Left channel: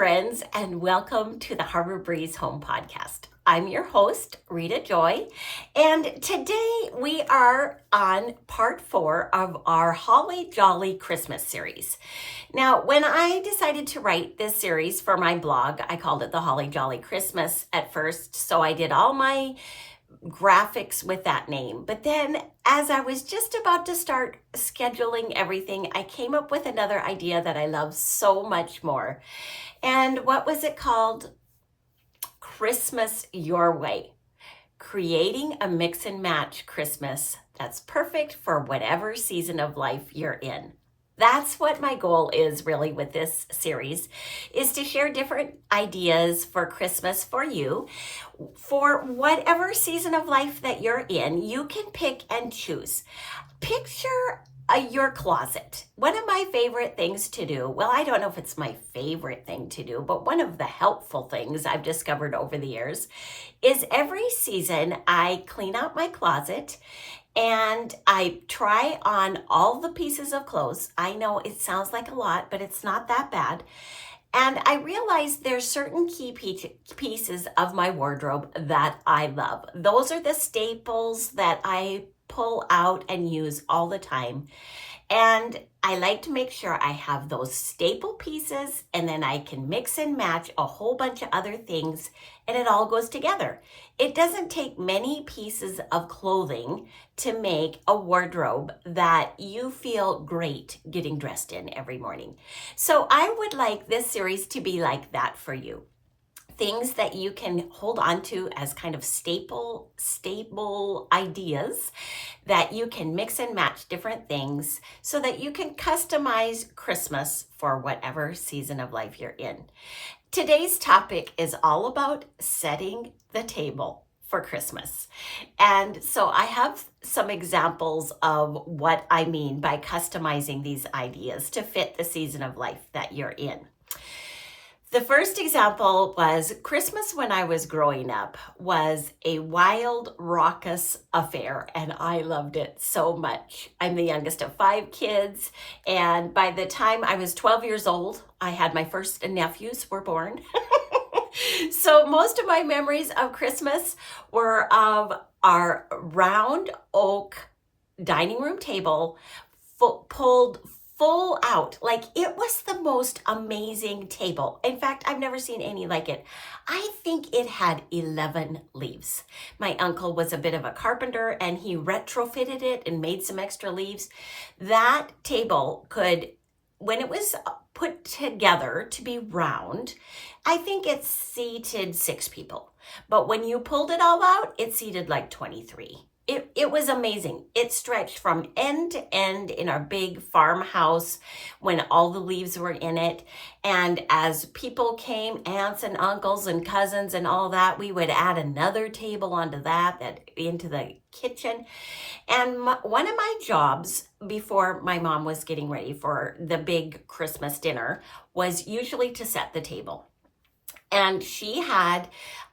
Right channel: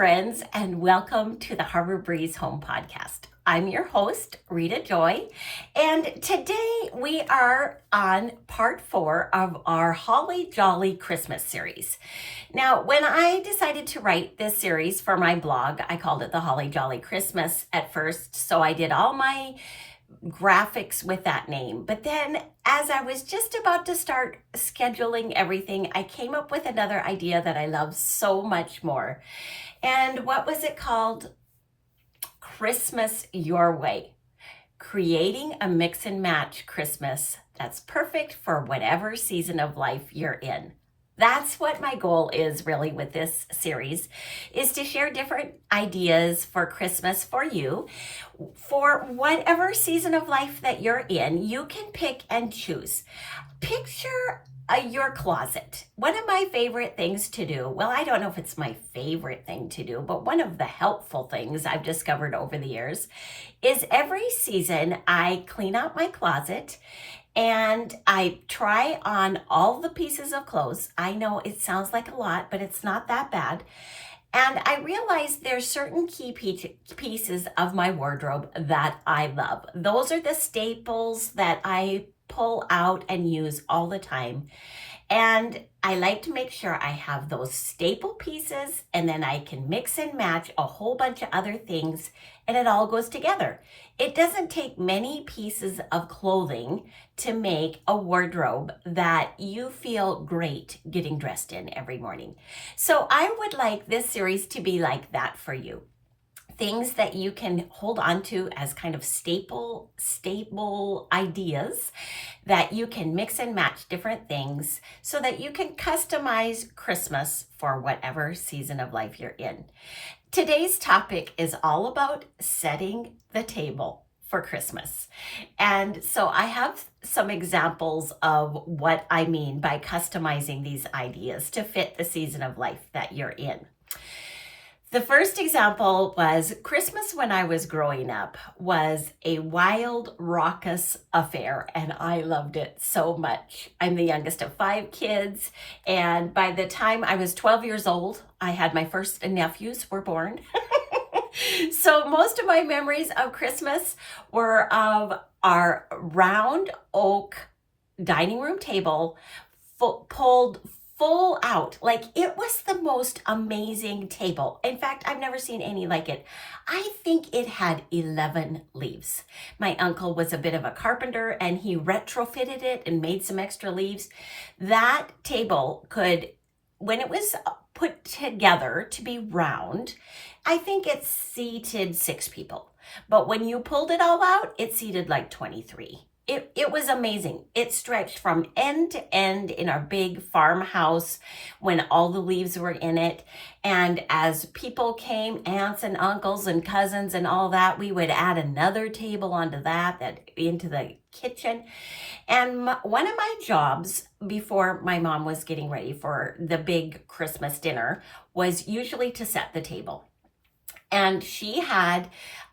friends, and welcome to the Harbor Breeze Home Podcast. I'm your host, Rita Joy, and today we are on part 4 of our Holly Jolly Christmas series. Now, when I decided to write this series for my blog, I called it the Holly Jolly Christmas at first, so I did all my graphics with that name. But then as I was just about to start scheduling everything, I came up with another idea that I love so much more. And what was it called? Christmas Your Way. Creating a mix and match Christmas that's perfect for whatever season of life you're in. That's what my goal is really with this series, is to share different ideas for Christmas for you. For whatever season of life that you're in, you can pick and choose. Picture your closet. One of my favorite things to do, well, I don't know if it's my favorite thing to do, but one of the helpful things I've discovered over the years is every season I clean out my closet and I try on all the pieces of clothes. I know it sounds like a lot, but it's not that bad. And I realize there's certain key pieces of my wardrobe that I love. Those are the staples that I pull out and use all the time. And I like to make sure I have those staple pieces, and then I can mix and match a whole bunch of other things, and it all goes together. It doesn't take many pieces of clothing to make a wardrobe that you feel great getting dressed in every morning. So I would like this series to be like that for you. Things that you can hold on to as kind of stable ideas that you can mix and match different things so that you can customize Christmas for whatever season of life you're in. Today's topic is all about setting the table for Christmas. And so I have some examples of what I mean by customizing these ideas to fit the season of life that you're in. The first example was Christmas when I was growing up was a wild, raucous affair, and I loved it so much. I'm the youngest of 5 kids, and by the time I was 12 years old, I had my first nephews were born. So most of my memories of Christmas were of our round oak dining room table pulled full out. Like, it was the most amazing table. In fact, I've never seen any like it. I think it had 11 leaves. My uncle was a bit of a carpenter and he retrofitted it and made some extra leaves. That table could, when it was put together to be round, I think it seated 6 people. But when you pulled it all out, it seated like 23. It was amazing. It stretched from end to end in our big farmhouse when all the leaves were in it. And as people came, aunts and uncles and cousins and all that, we would add another table onto that into the kitchen. And one of my jobs before my mom was getting ready for the big Christmas dinner was usually to set the table. And she had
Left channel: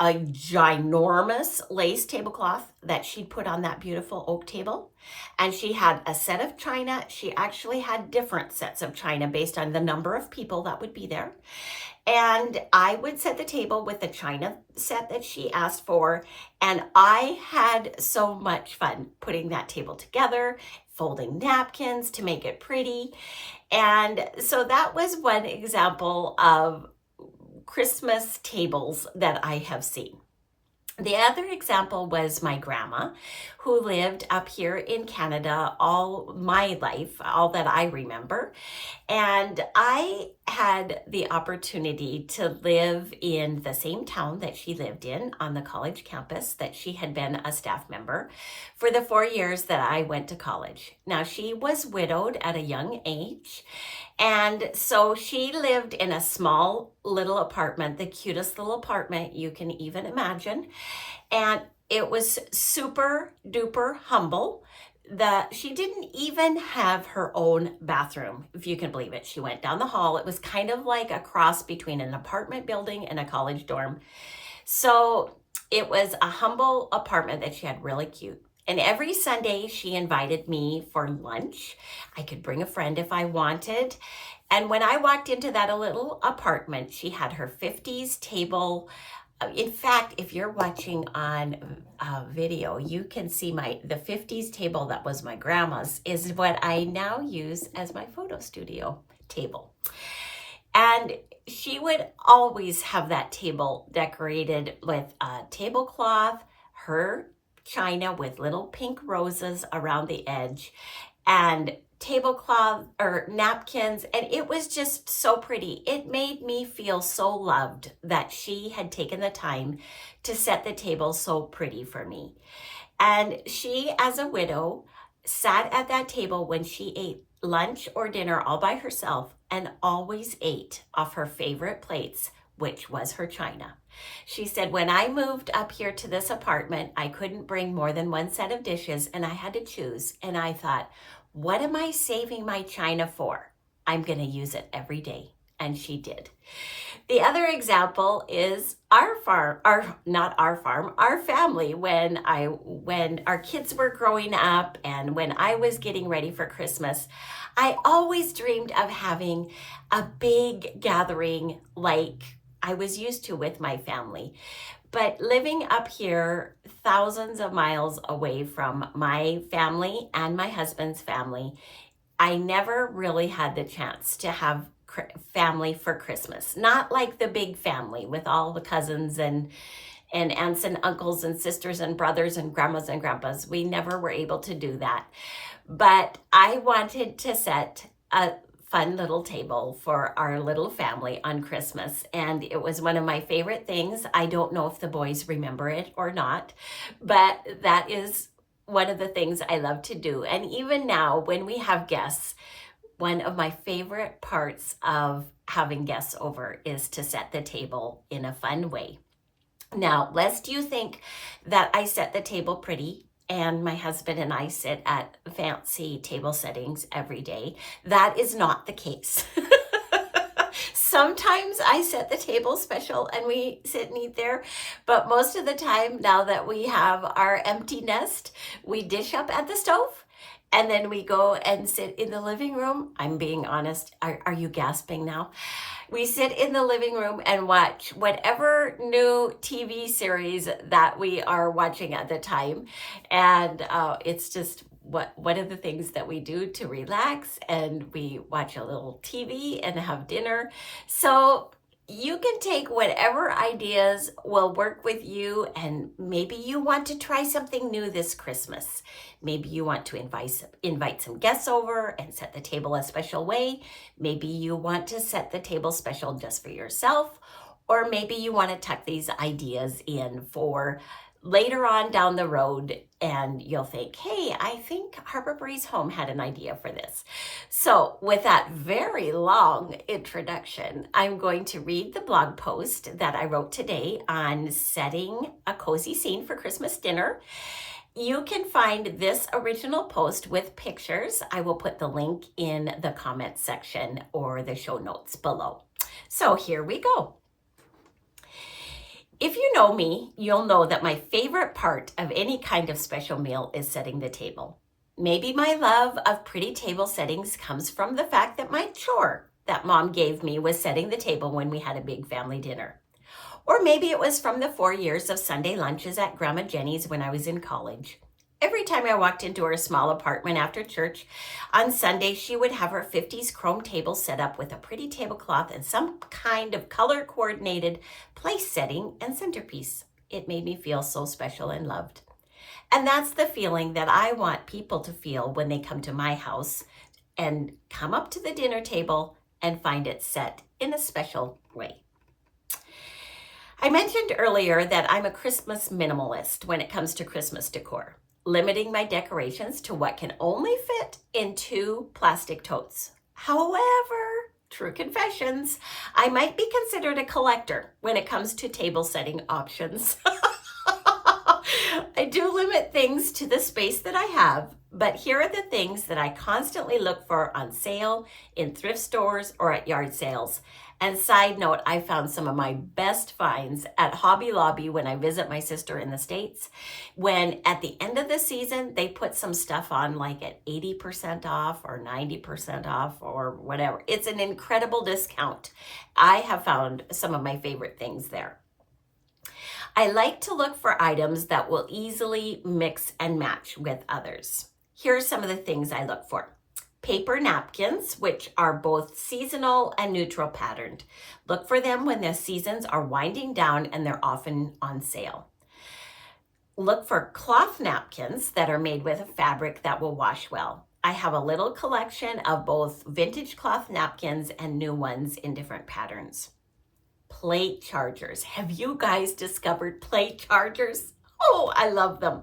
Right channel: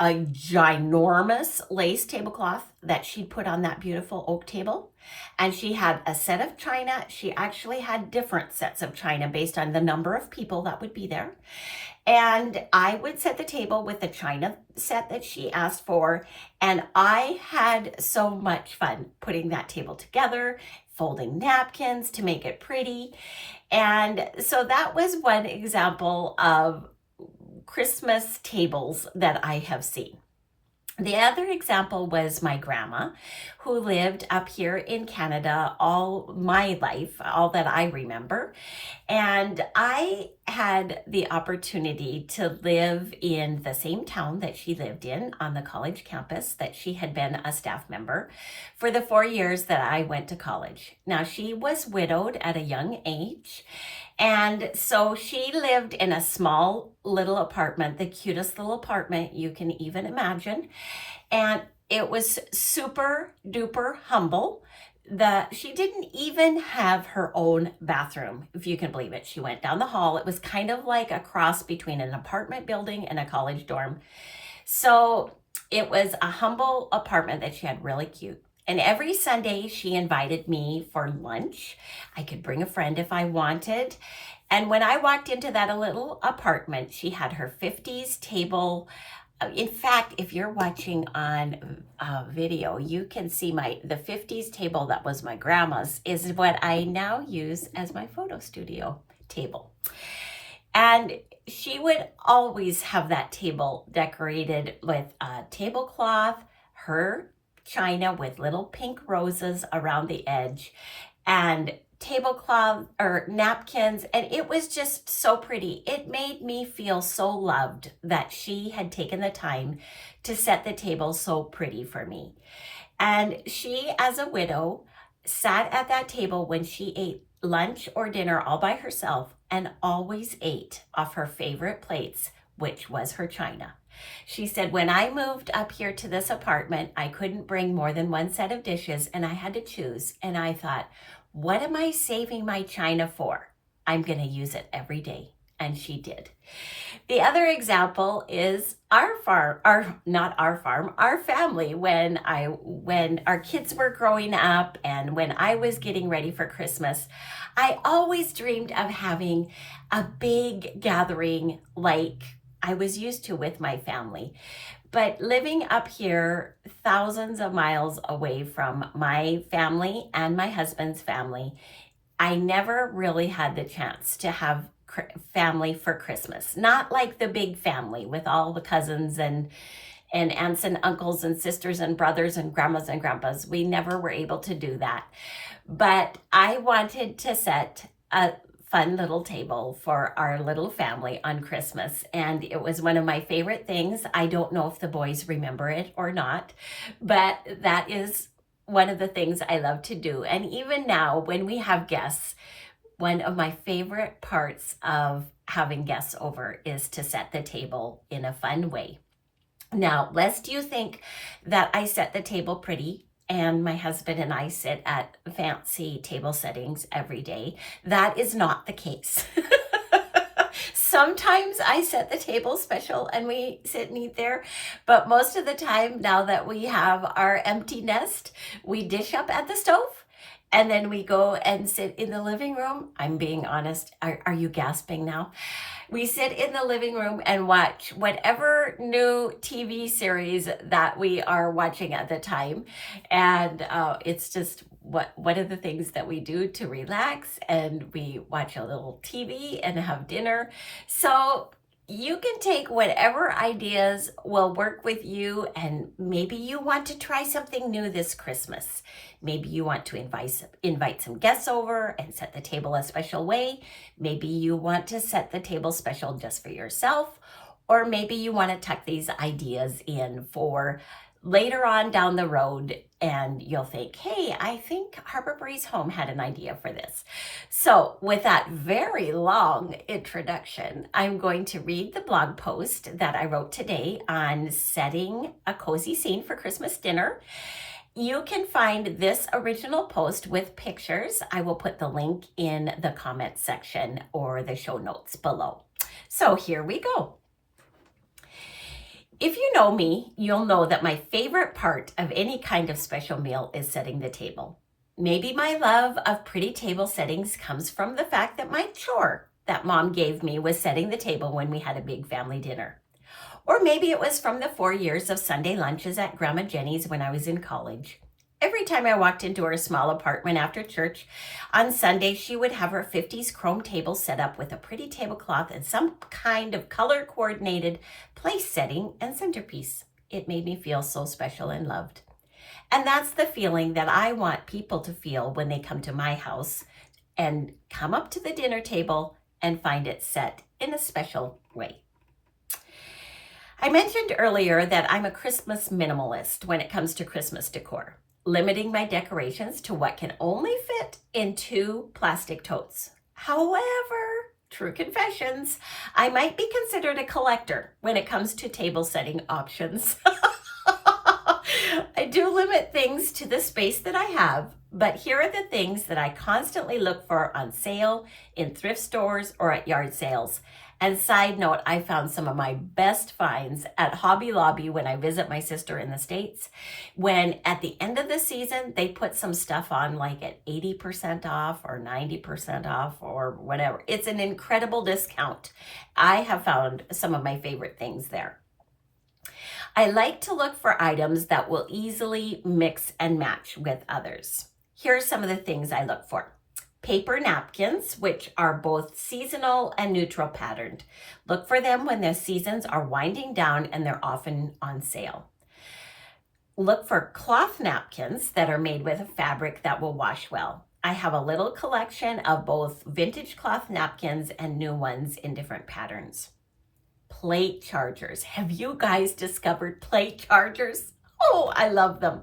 a ginormous lace tablecloth that she'd put on that beautiful oak table. And she had a set of china. She actually had different sets of china based on the number of people that would be there. And I would set the table with the china set that she asked for. And I had so much fun putting that table together, folding napkins to make it pretty. And so that was one example of Christmas tables that I have seen. The other example was my grandma, who lived up here in Canada all my life, all that I remember. And I had the opportunity to live in the same town that she lived in on the college campus that she had been a staff member for the 4 years that I went to college. Now, she was widowed at a young age. And so she lived in a small little apartment, the cutest little apartment you can even imagine. And it was super duper humble. She didn't even have her own bathroom, if you can believe it. She went down the hall. It was kind of like a cross between an apartment building and a college dorm. So it was a humble apartment that she had, really cute. And every Sunday she invited me for lunch. I could bring a friend if I wanted. And when I walked into that little apartment, she had her 50s table. In fact, if you're watching on video, you can see the 50s table that was my grandma's is what I now use as my photo studio table. And she would always have that table decorated with a tablecloth, her china with little pink roses around the edge, and tablecloth or napkins, and it was just so pretty. It made me feel so loved that she had taken the time to set the table so pretty for me. And she, as a widow, sat at that table when she ate lunch or dinner all by herself and always ate off her favorite plates, which was her china. She said, when I moved up here to this apartment, I couldn't bring more than one set of dishes and I had to choose. And I thought, what am I saving my china for? I'm going to use it every day. And she did. The other example is our family, when our kids were growing up and when I was getting ready for Christmas, I always dreamed of having a big gathering like I was used to with my family. But living up here, thousands of miles away from my family and my husband's family, I never really had the chance to have family for Christmas. Not like the big family with all the cousins and aunts and uncles and sisters and brothers and grandmas and grandpas. We never were able to do that. But I wanted to set a fun little table for our little family on Christmas. And it was one of my favorite things. I don't know if the boys remember it or not, but that is one of the things I love to do. And even now, when we have guests, one of my favorite parts of having guests over is to set the table in a fun way. Now, lest you think that I set the table pretty and my husband and I sit at fancy table settings every day, that is not the case. Sometimes I set the table special and we sit and eat there, but most of the time, now that we have our empty nest, we dish up at the stove and then we go and sit in the living room. I'm being honest. Are you gasping now? We sit in the living room and watch whatever new TV series that we are watching at the time. And it's just one of the things that we do to relax, and we watch a little TV and have dinner. So you can take whatever ideas will work with you, and maybe you want to try something new this Christmas. Maybe you want to invite some guests over and set the table a special way. Maybe you want to set the table special just for yourself, or maybe you want to tuck these ideas in for later on down the road, and you'll think, hey, I think Harbor Breeze Home had an idea for this. So with that very long introduction, I'm going to read the blog post that I wrote today on setting a cozy scene for Christmas dinner. You can find this original post with pictures. I will put the link in the comment section or the show notes below. So here we go. If you know me, you'll know that my favorite part of any kind of special meal is setting the table. Maybe my love of pretty table settings comes from the fact that my chore that Mom gave me was setting the table when we had a big family dinner. Or maybe it was from the 4 years of Sunday lunches at Grandma Jenny's when I was in college. Every time I walked into her small apartment after church on Sunday, she would have her 50s chrome table set up with a pretty tablecloth and some kind of color-coordinated place setting and centerpiece. It made me feel so special and loved. And that's the feeling that I want people to feel when they come to my house and come up to the dinner table and find it set in a special way. I mentioned earlier that I'm a Christmas minimalist when it comes to Christmas decor, limiting my decorations to what can only fit in 2 plastic totes. However, true confessions, I might be considered a collector when it comes to table setting options. I do limit things to the space that I have, but here are the things that I constantly look for on sale in thrift stores or at yard sales. And side note, I found some of my best finds at Hobby Lobby when I visit my sister in the States. When at the end of the season, they put some stuff on like at 80% off or 90% off or whatever. It's an incredible discount. I have found some of my favorite things there. I like to look for items that will easily mix and match with others. Here are some of the things I look for. Paper napkins, which are both seasonal and neutral patterned. Look for them when the seasons are winding down and they're often on sale. Look for cloth napkins that are made with a fabric that will wash well. I have a little collection of both vintage cloth napkins and new ones in different patterns. Plate chargers. Have you guys discovered plate chargers? Oh, I love them.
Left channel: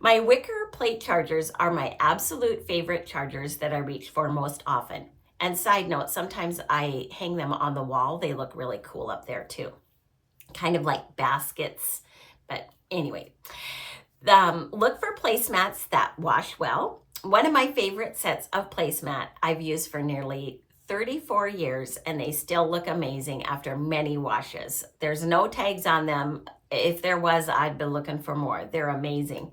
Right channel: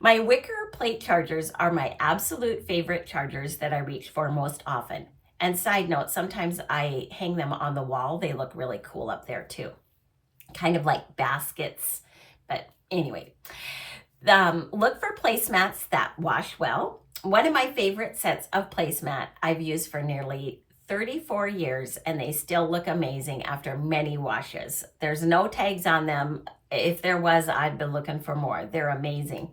My wicker plate chargers are my absolute favorite chargers that I reach for most often. And side note, sometimes I hang them on the wall. They look really cool up there too. Kind of like baskets, but anyway. Look for placemats that wash well. One of my favorite sets of placemat I've used for nearly 34 years, and they still look amazing after many washes. There's no tags on them. If there was, I'd be looking for more. They're amazing.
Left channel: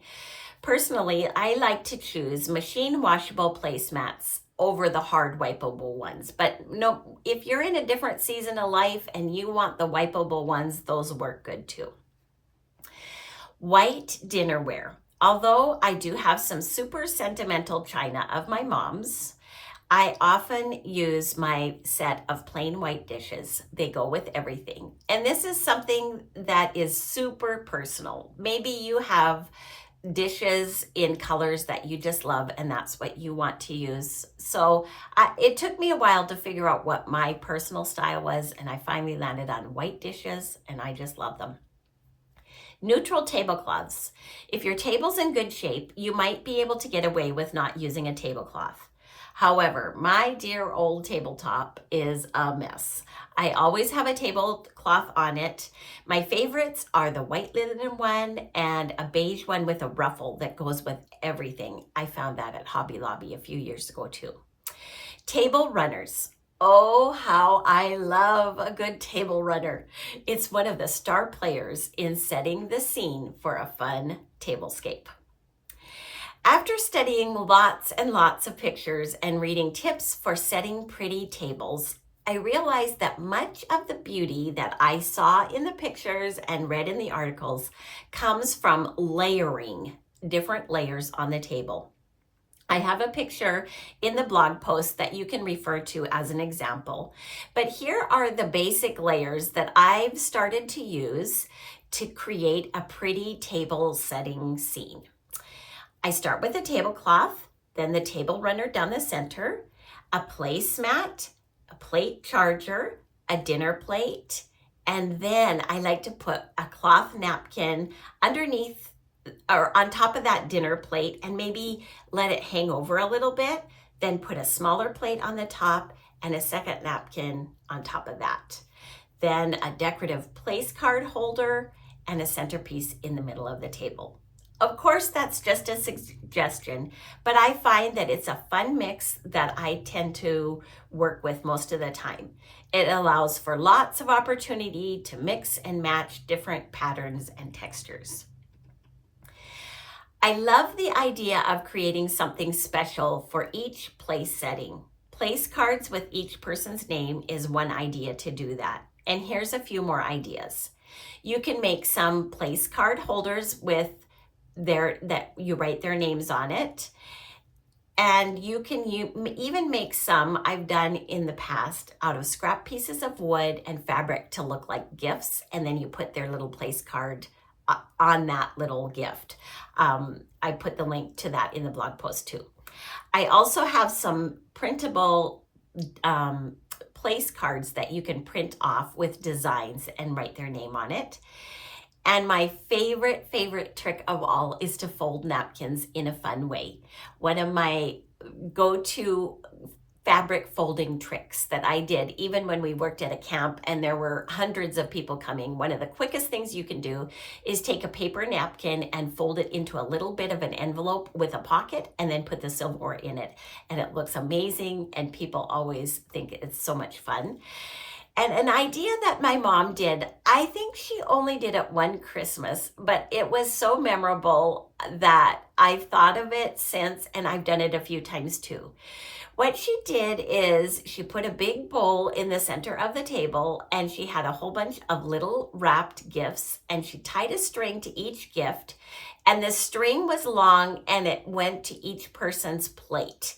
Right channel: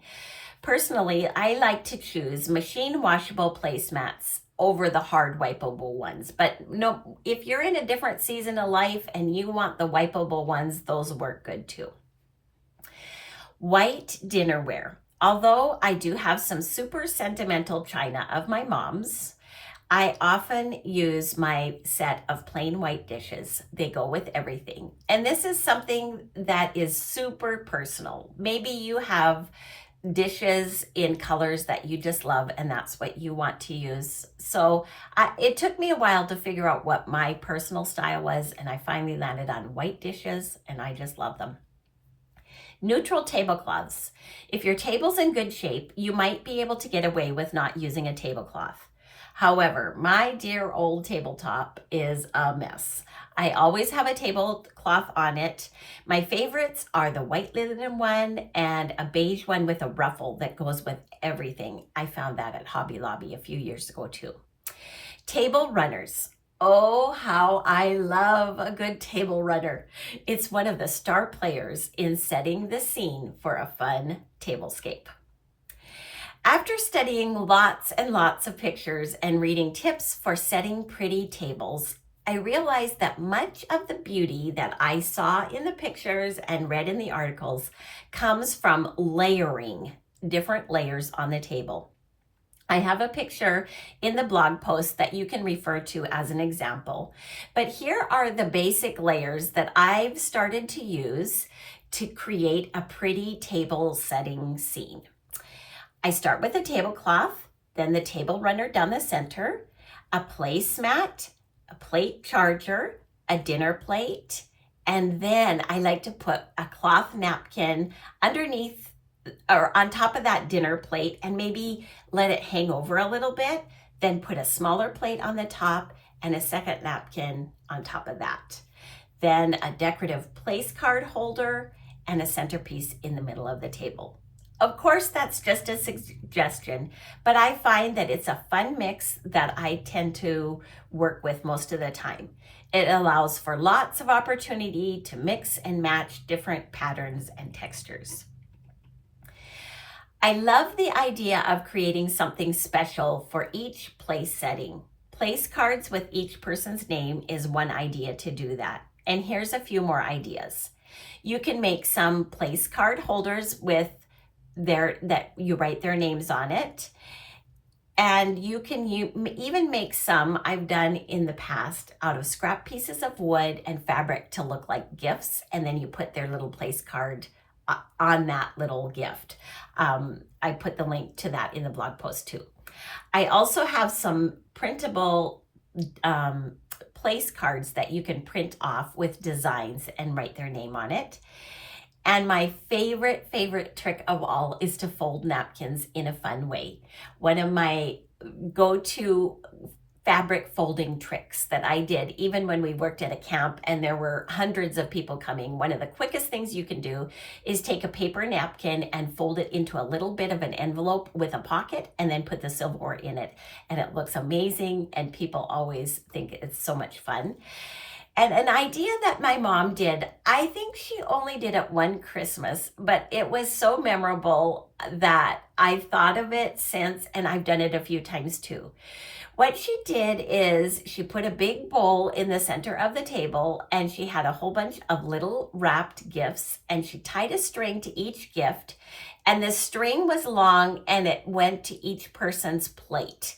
Personally, I like to choose machine washable placemats over the hard wipeable ones. But no, if you're in a different season of life and you want the wipeable ones, those work good too. White dinnerware. Although I do have some super sentimental china of my mom's, I often use my set of plain white dishes. They go with everything. And this is something that is super personal. Maybe you have dishes in colors that you just love and that's what you want to use. So it took me a while to figure out what my personal style was, and I finally landed on white dishes and I just love them. Neutral tablecloths. If your table's in good shape, you might be able to get away with not using a tablecloth. However, my dear old tabletop is a mess. I always have a tablecloth on it. My favorites are the white linen one and a beige one with a ruffle that goes with everything. I found that at Hobby Lobby a few years ago too. Table runners. Oh, how I love a good table runner. It's one of the star players in setting the scene for a fun tablescape. After studying lots and lots of pictures and reading tips for setting pretty tables, I realized that much of the beauty that I saw in the pictures and read in the articles comes from layering different layers on the table. I have a picture in the blog post that you can refer to as an example, but here are the basic layers that I've started to use to create a pretty table setting scene. I start with a tablecloth, then the table runner down the center, a placemat, a plate charger, a dinner plate, and then I like to put a cloth napkin underneath or on top of that dinner plate and maybe let it hang over a little bit, then put a smaller plate on the top and a second napkin on top of that. Then a decorative place card holder and a centerpiece in the middle of the table. Of course, that's just a suggestion, but I find that it's a fun mix that I tend to work with most of the time. It allows for lots of opportunity to mix and match different patterns and textures. I love the idea of creating something special for each place setting. Place cards with each person's name is one idea to do that. And here's a few more ideas. You can make some place card holders with that you write their names on it. And you can even make some, I've done in the past, out of scrap pieces of wood and fabric to look like gifts. And then you put their little place card on that little gift. I put the link to that in the blog post too. I also have some printable place cards that you can print off with designs and write their name on it. And my favorite trick of all is to fold napkins in a fun way. One of my go-to fabric folding tricks that I did, even when we worked at a camp and there were hundreds of people coming, one of the quickest things you can do is take a paper napkin and fold it into a little bit of an envelope with a pocket and then put the silverware in it. And it looks amazing and people always think it's so much fun. And an idea that my mom did, I think she only did it one Christmas, but it was so memorable that I've thought of it since, and I've done it a few times too. What she did is she put a big bowl in the center of the table, and she had a whole bunch of little wrapped gifts, and she tied a string to each gift, and the string was long and it went to each person's plate,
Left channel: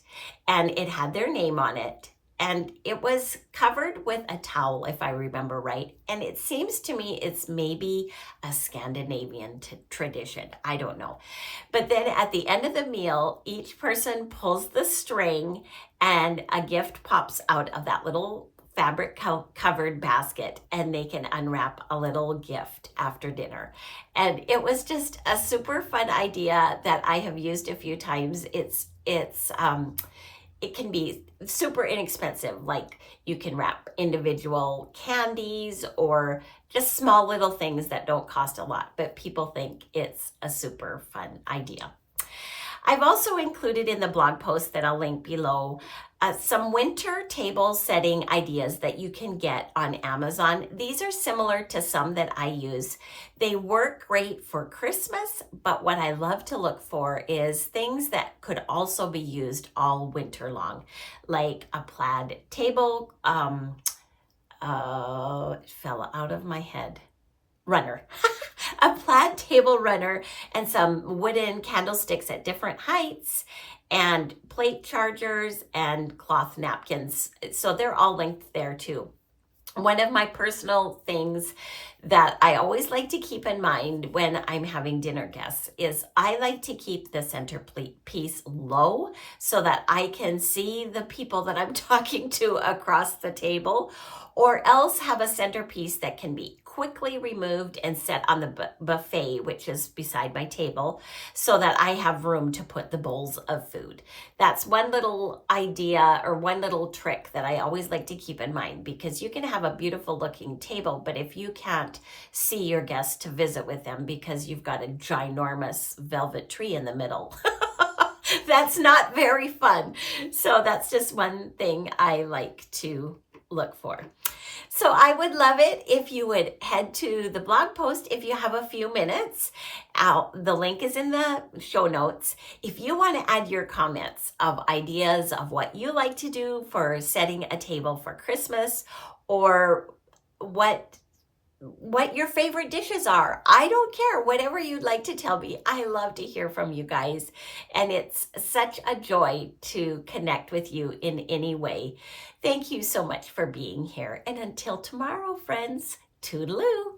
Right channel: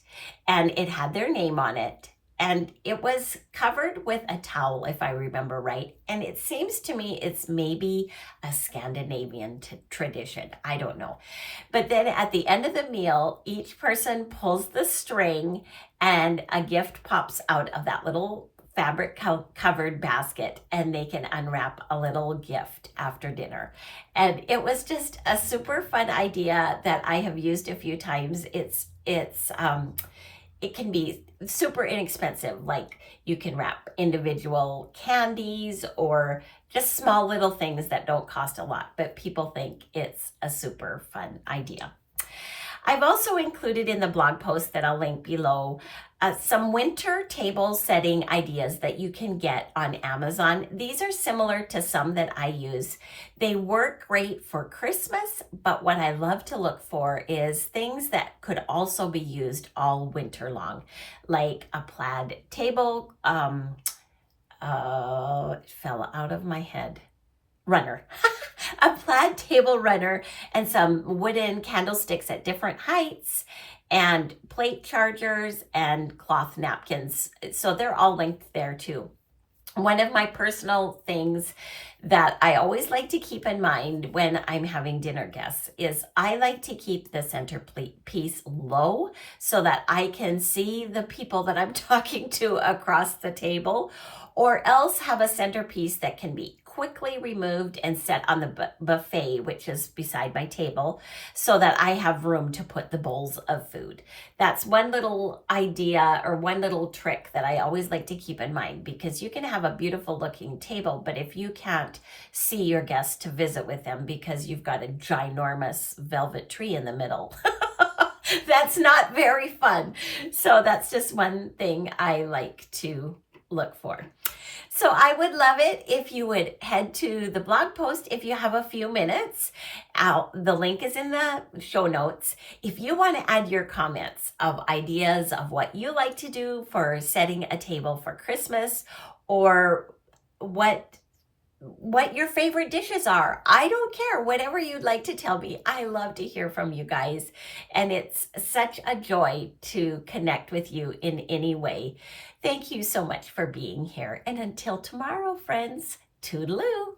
and it had their name on it. And it was covered with a towel, if I remember right. And it seems to me it's maybe a Scandinavian tradition. I don't know. But then at the end of the meal, each person pulls the string and a gift pops out of that little fabric covered basket, and they can unwrap a little gift after dinner. And it was just a super fun idea that I have used a few times. It can be super inexpensive. Like, you can wrap individual candies or just small little things that don't cost a lot, but people think it's a super fun idea. I've also included in the blog post that I'll link below some winter table setting ideas that you can get on Amazon. These are similar to some that I use. They work great for Christmas, but what I love to look for is things that could also be used all winter long, like a plaid table, it fell out of my head, runner. A plaid table runner and some wooden candlesticks at different heights and plate chargers and cloth napkins. So they're all linked there too. One of my personal things that I always like to keep in mind when I'm having dinner guests is I like to keep the centerpiece low so that I can see the people that I'm talking to across the table, or else have a centerpiece that can be quickly removed and set on the buffet, which is beside my table, so that I have room to put the bowls of food. That's one little idea or one little trick that I always like to keep in mind, because you can have a beautiful looking table, but if you can't see your guests to visit with them because you've got a ginormous velvet tree in the middle, that's not very fun. So that's just one thing I like to look for. So I would love it if you would head to the blog post if you have a few minutes. The link is in the show notes. If you want to add your comments of ideas of what you like to do for setting a table for Christmas, or what your favorite dishes are. I don't care. Whatever you'd like to tell me. I love to hear from you guys. And it's such a joy to connect with you in any way. Thank you so much for being here. And until tomorrow, friends, toodaloo.